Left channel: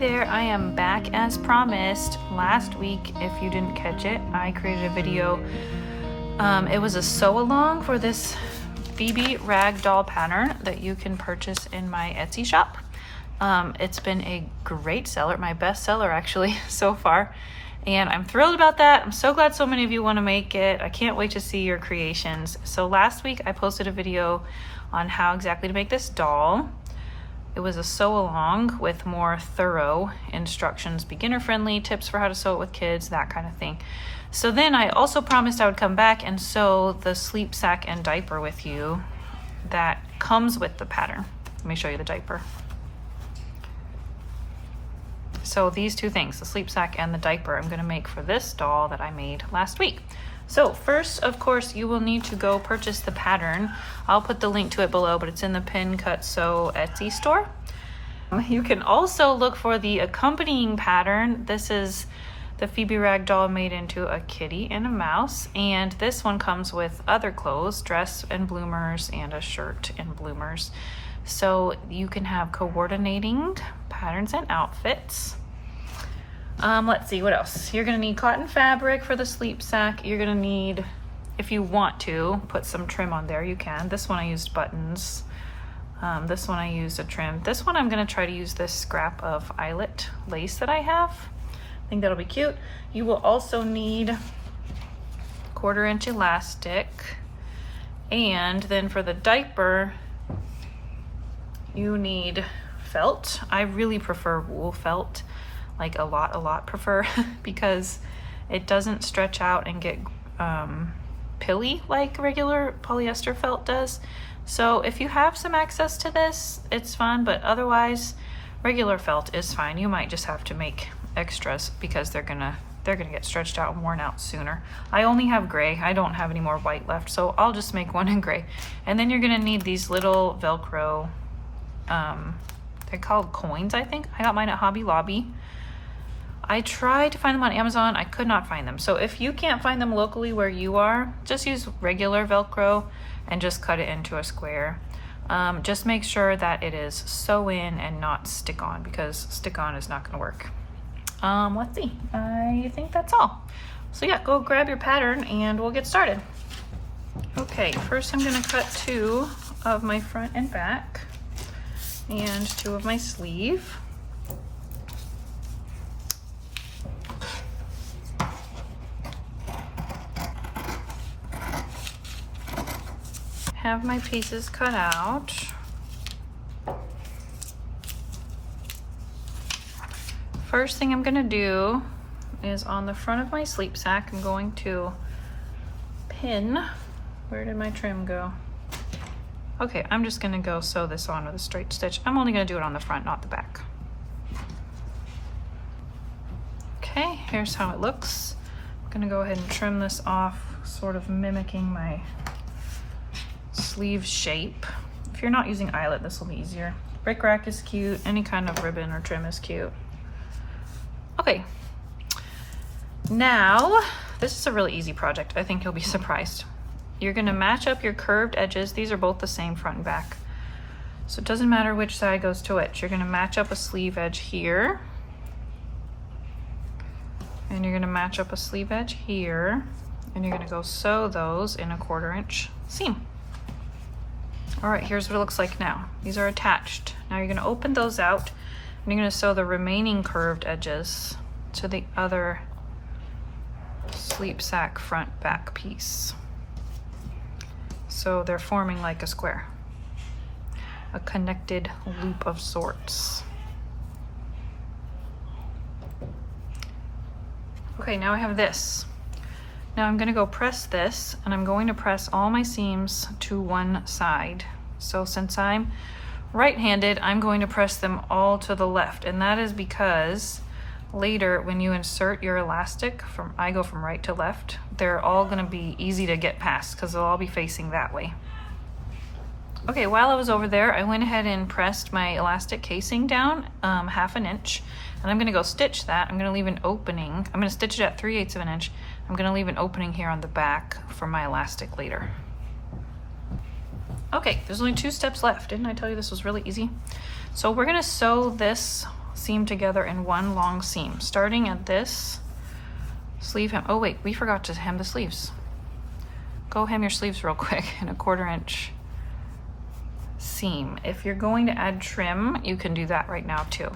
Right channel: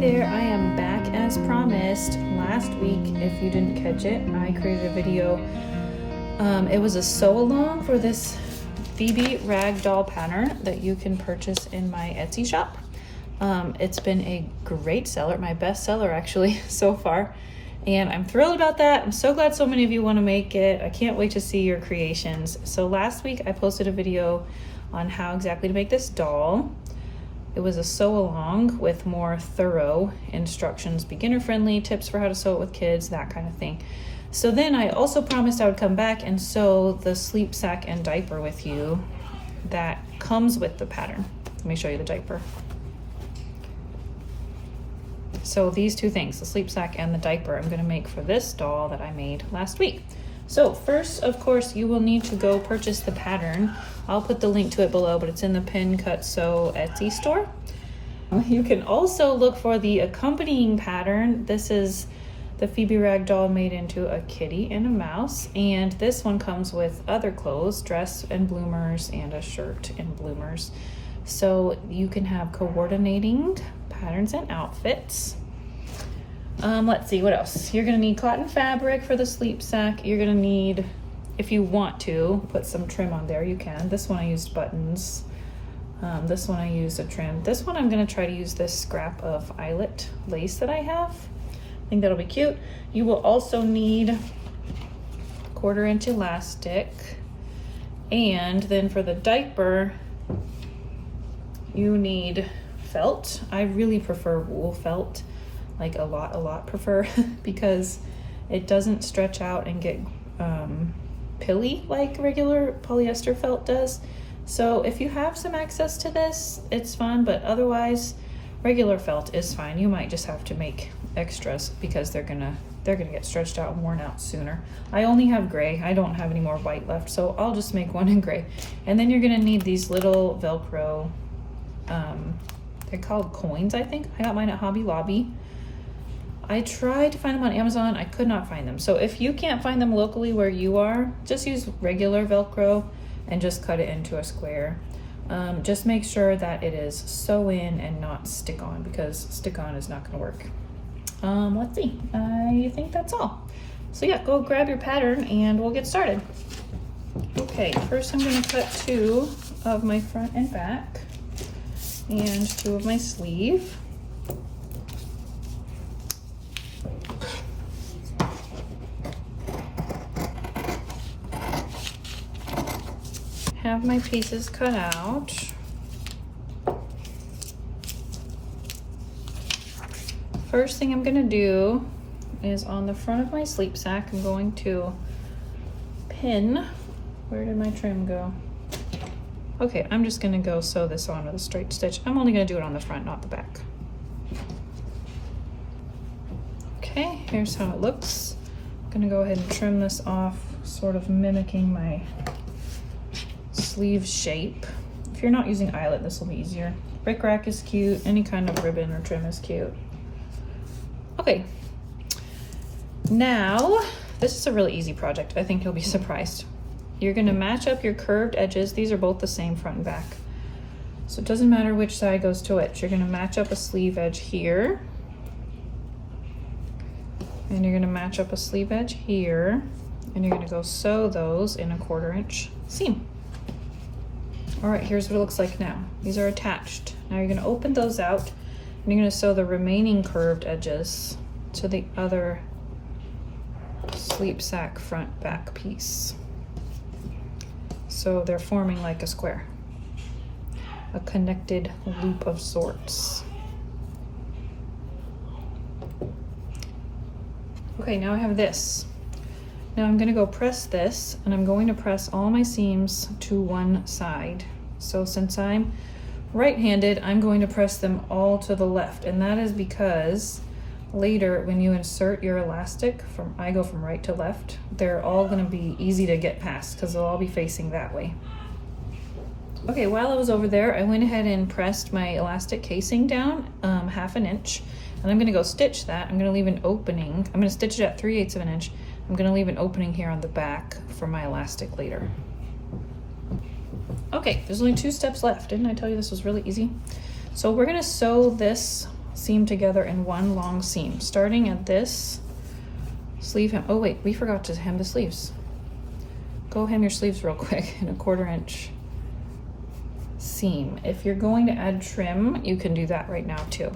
there, I am back as promised. Last week, if you didn't catch it, I created a video. It was a sew along for this Phoebe rag doll pattern that you can purchase in my Etsy shop. It's been a great seller, my best seller actually so far, and I'm thrilled about that. I'm so glad so many of you want to make it. I can't wait to see your creations. So last week I posted a video on how exactly to make this doll. It was a sew along with more thorough instructions, beginner friendly tips for how to sew it with kids, that kind of thing. So then I also promised I would come back and sew the sleep sack and diaper with you that comes with the pattern. Let me show you the diaper. So these two things, the sleep sack and the diaper, I'm gonna make for this doll that I made last week. So first, of course, you will need to go purchase the pattern. I'll put the link to it below, but it's in the Pin Cut Sew Etsy store. You can also look for the accompanying pattern. This is the Phoebe rag doll made into a kitty and a mouse, and this one comes with other clothes, dress and bloomers, and a shirt and bloomers. So you can have coordinating patterns and outfits. Let's see, what else? You're gonna need cotton fabric for the sleep sack. You're gonna need, if you want to, put some trim on there, you can. This one I used buttons. This one I used a trim. This one I'm gonna try to use this scrap of eyelet lace that I have. I think that'll be cute. You will also need 1/4 inch elastic. And then for the diaper, you need felt. I really prefer wool felt, like a lot prefer, because it doesn't stretch out and get pilly like regular polyester felt does. So if you have some access to this, it's fun, but otherwise regular felt is fine. You might just have to make extras because they're gonna get stretched out and worn out sooner. I only have gray. I don't have any more white left, so I'll just make one in gray. And then you're gonna need these little Velcro, they're called coins, I think. I got mine at Hobby Lobby. I tried to find them on Amazon. I could not find them. So if you can't find them locally where you are, just use regular Velcro and just cut it into a square. Just make sure that it is sew in and not stick on, because stick on is not gonna work. Let's see, I think that's all. So yeah, go grab your pattern and we'll get started. Okay, first I'm gonna cut 2 of my front and back and 2 of my sleeve. Have my pieces cut out. First thing I'm gonna do is on the front of my sleep sack, I'm going to pin, where did my trim go? Okay, I'm just gonna go sew this on with a straight stitch. I'm only gonna do it on the front, not the back. Okay, here's how it looks. I'm gonna go ahead and trim this off, sort of mimicking my sleeve shape. If you're not using eyelet, this will be easier. Brick rack is cute. Any kind of ribbon or trim is cute. Okay, now this is a really easy project. I think you'll be surprised. You're gonna match up your curved edges. These are both the same front and back, so it doesn't matter which side goes to which. You're gonna match up a sleeve edge here, and you're gonna match up a sleeve edge here, and you're gonna go sew those in a 1/4 inch seam. All right, here's what it looks like now. These are attached. Now you're gonna open those out and you're gonna sew the remaining curved edges to the other sleep sack front back piece. So they're forming like a square, a connected loop of sorts. Okay, now I have this. Now I'm gonna go press this, and I'm going to press all my seams to one side. So since I'm right-handed, I'm going to press them all to the left, and that is because later when you insert your elastic, I go from right to left, they're all gonna be easy to get past because they'll all be facing that way. Okay, while I was over there, I went ahead and pressed my elastic casing down 1/2 inch, and I'm gonna go stitch that. I'm gonna leave an opening. I'm gonna stitch it at 3/8 of an inch. I'm gonna leave an opening here on the back for my elastic later. Okay, there's only 2 steps left. Didn't I tell you this was really easy? So we're gonna sew this seam together in one long seam, starting at this sleeve hem. Oh wait, we forgot to hem the sleeves. Go hem your sleeves real quick in a 1/4 inch seam. If you're going to add trim, you can do that right now too.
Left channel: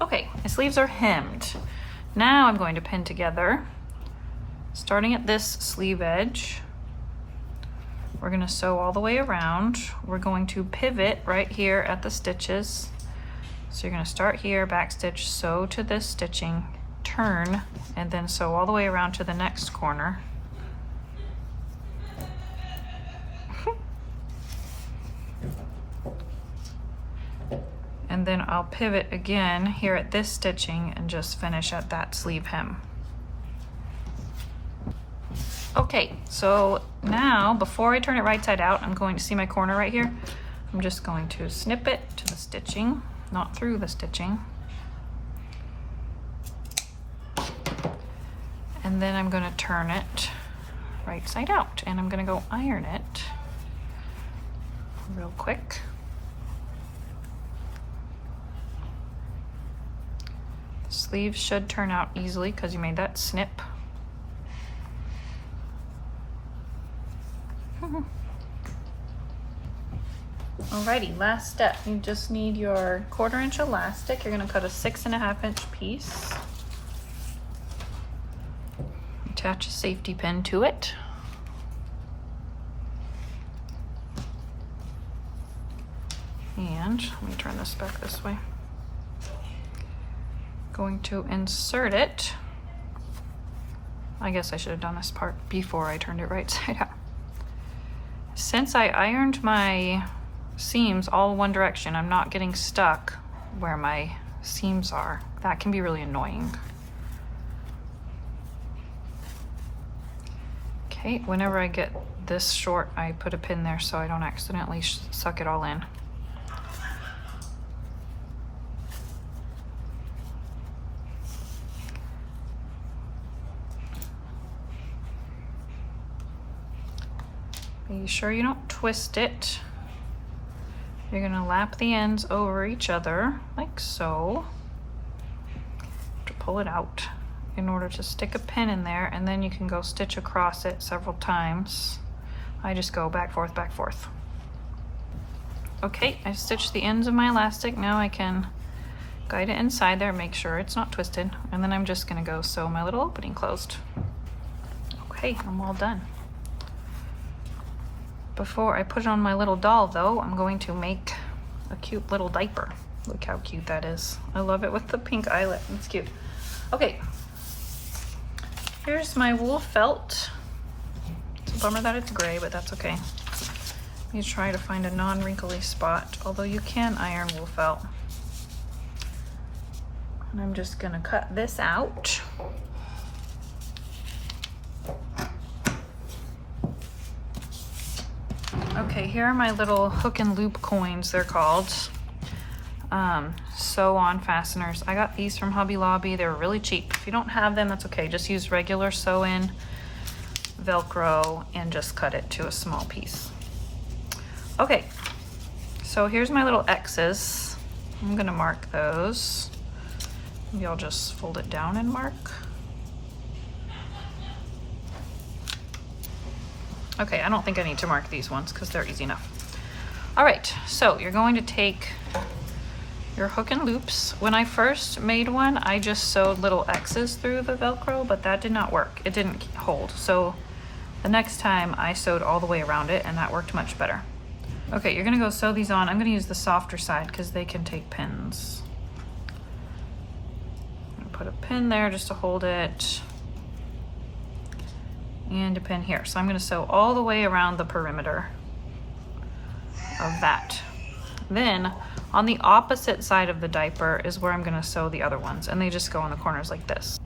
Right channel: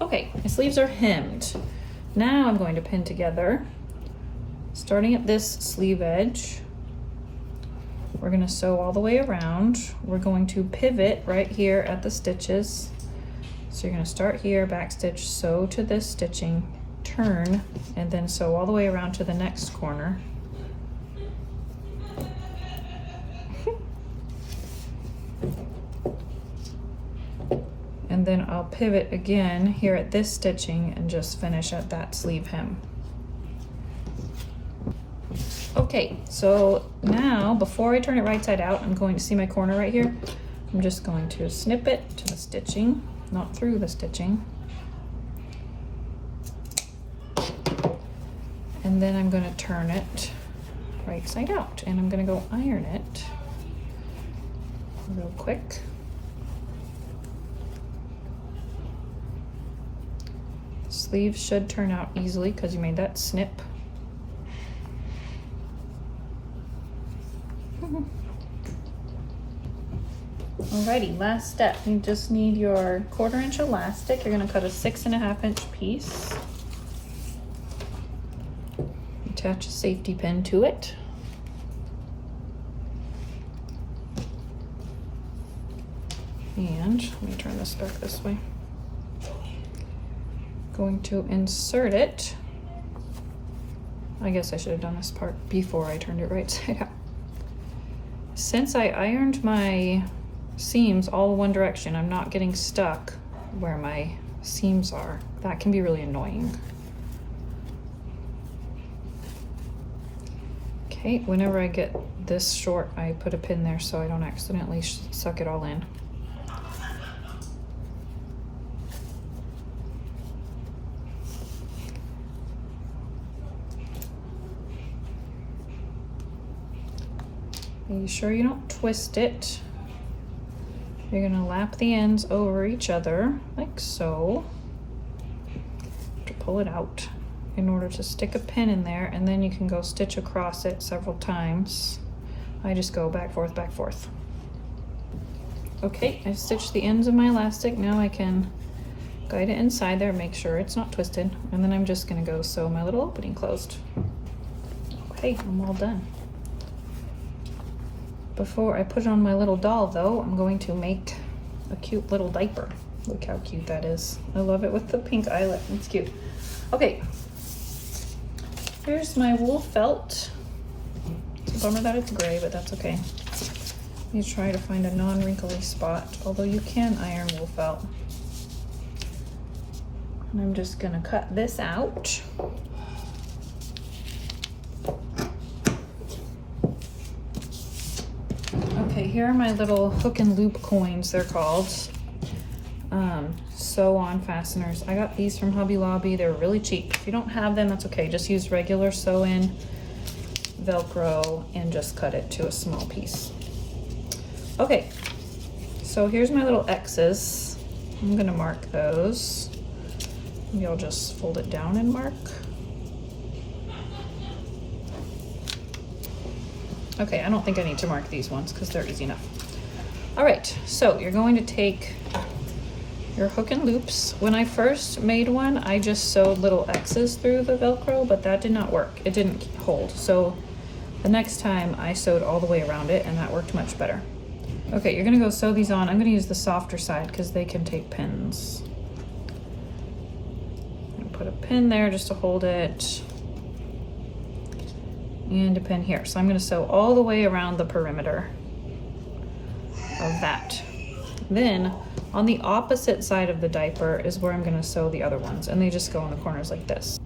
Okay, my sleeves are hemmed. Now I'm going to pin together, starting at this sleeve edge. We're gonna sew all the way around. We're going to pivot right here at the stitches. So you're gonna start here, back stitch, sew to this stitching, turn, and then sew all the way around to the next corner. And then I'll pivot again here at this stitching and just finish at that sleeve hem. Okay, so now before I turn it right side out, I'm going to see my corner right here. I'm just going to snip it to the stitching, not through the stitching. And then I'm going to turn it right side out, and I'm going to go iron it real quick. The sleeves should turn out easily because you made that snip. Alrighty, last step. You just need your 1/4 inch elastic. You're going to cut a 6.5 inch piece. Attach a safety pin to it. And let me turn this back this way. Going to insert it. I guess I should have done this part before I turned it right side out. Since I ironed my seams all one direction, I'm not getting stuck where my seams are. That can be really annoying. Okay, whenever I get this short, I put a pin there so I don't accidentally suck it all in. Be sure you don't twist it. You're gonna lap the ends over each other, like so. To pull it out in order to stick a pin in there, and then you can go stitch across it several times. I just go back, forth, back, forth. Okay, I've stitched the ends of my elastic. Now I can guide it inside there, make sure it's not twisted, and then I'm just gonna go sew my little opening closed. Okay, I'm all done. Before I put it on my little doll though, I'm going to make a cute little diaper. Look how cute that is. I love it with the pink eyelet, it's cute. Okay, here's my wool felt. It's a bummer that it's gray, but that's okay. You try to find a non-wrinkly spot, although you can iron wool felt. And I'm just gonna cut this out. Okay, here are my little hook and loop coins, they're called. Sew on fasteners. I got these from Hobby Lobby. They're really cheap. If you don't have them, that's okay. Just use regular sew-in Velcro and just cut it to a small piece. Okay, so here's my little X's. I'm gonna mark those. Maybe I'll just fold it down and mark. Okay, I don't think I need to mark these ones because they're easy enough. All right, so you're going to take your hook and loops. When I first made one, I just sewed little X's through the Velcro, but that did not work. It didn't hold. So the next time I sewed all the way around it and that worked much better. Okay, you're gonna go sew these on. I'm gonna use the softer side because they can take pins. I'm gonna put a pin there just to hold it. And a pin here. So I'm gonna sew all the way around the perimeter of that. Then on the opposite side of the diaper is where I'm gonna sew the other ones, and they just go in the corners like this.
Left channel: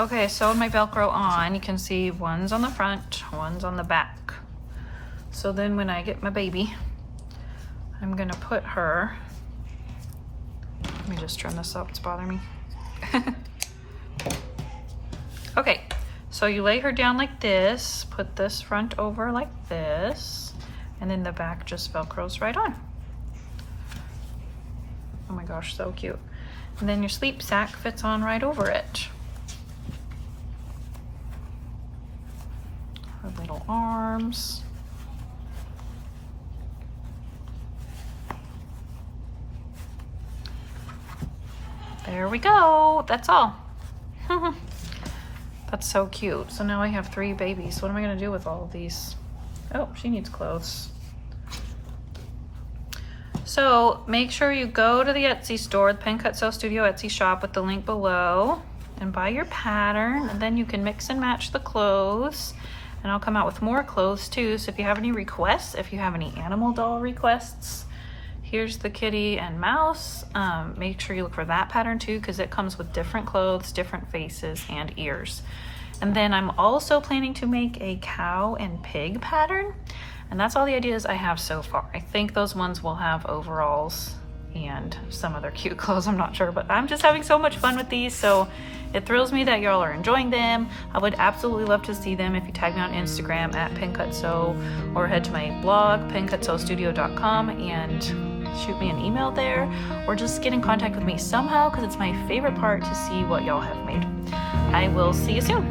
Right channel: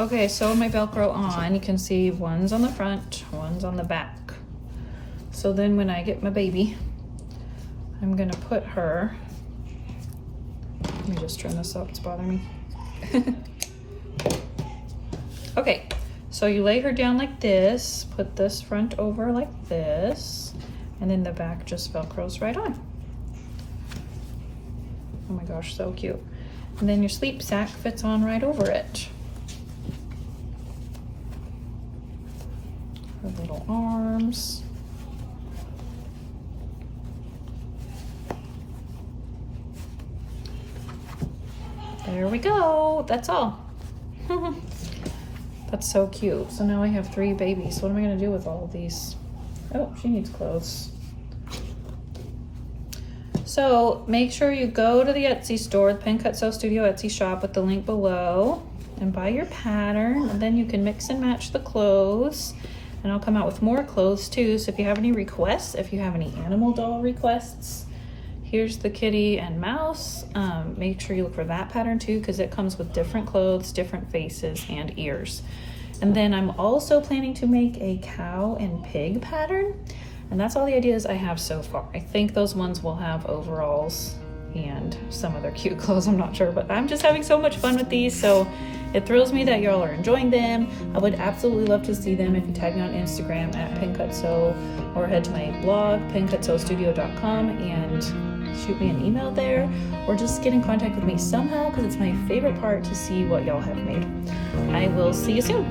Okay, I sewed my Velcro on. You can see one's on the front, one's on the back. So then when I get my baby, I'm gonna put her, let me just turn this up, it's bothering me. Okay. So you lay her down like this, put this front over like this, and then the back just Velcros right on. Oh my gosh, so cute. And then your sleep sack fits on right over it. Her little arms. There we go. That's all. That's so cute. So now I have 3 babies. What am I gonna do with all of these? Oh, she needs clothes. So make sure you go to the Etsy store, the Pen Cut Sew Studio Etsy shop with the link below, and buy your pattern, and then you can mix and match the clothes. And I'll come out with more clothes too. So if you have any requests, if you have any animal doll requests, here's the kitty and mouse. Make sure you look for that pattern too, because it comes with different clothes, different faces, and ears. And then I'm also planning to make a cow and pig pattern. And that's all the ideas I have so far. I think those ones will have overalls and some other cute clothes, I'm not sure, but I'm just having so much fun with these. So it thrills me that y'all are enjoying them. I would absolutely love to see them if you tag me on Instagram at PenCutSew, or head to my blog, pencutsewstudio.com, and shoot me an email there, or just get in contact with me somehow, because it's my favorite part to see what y'all have made. I will see you soon.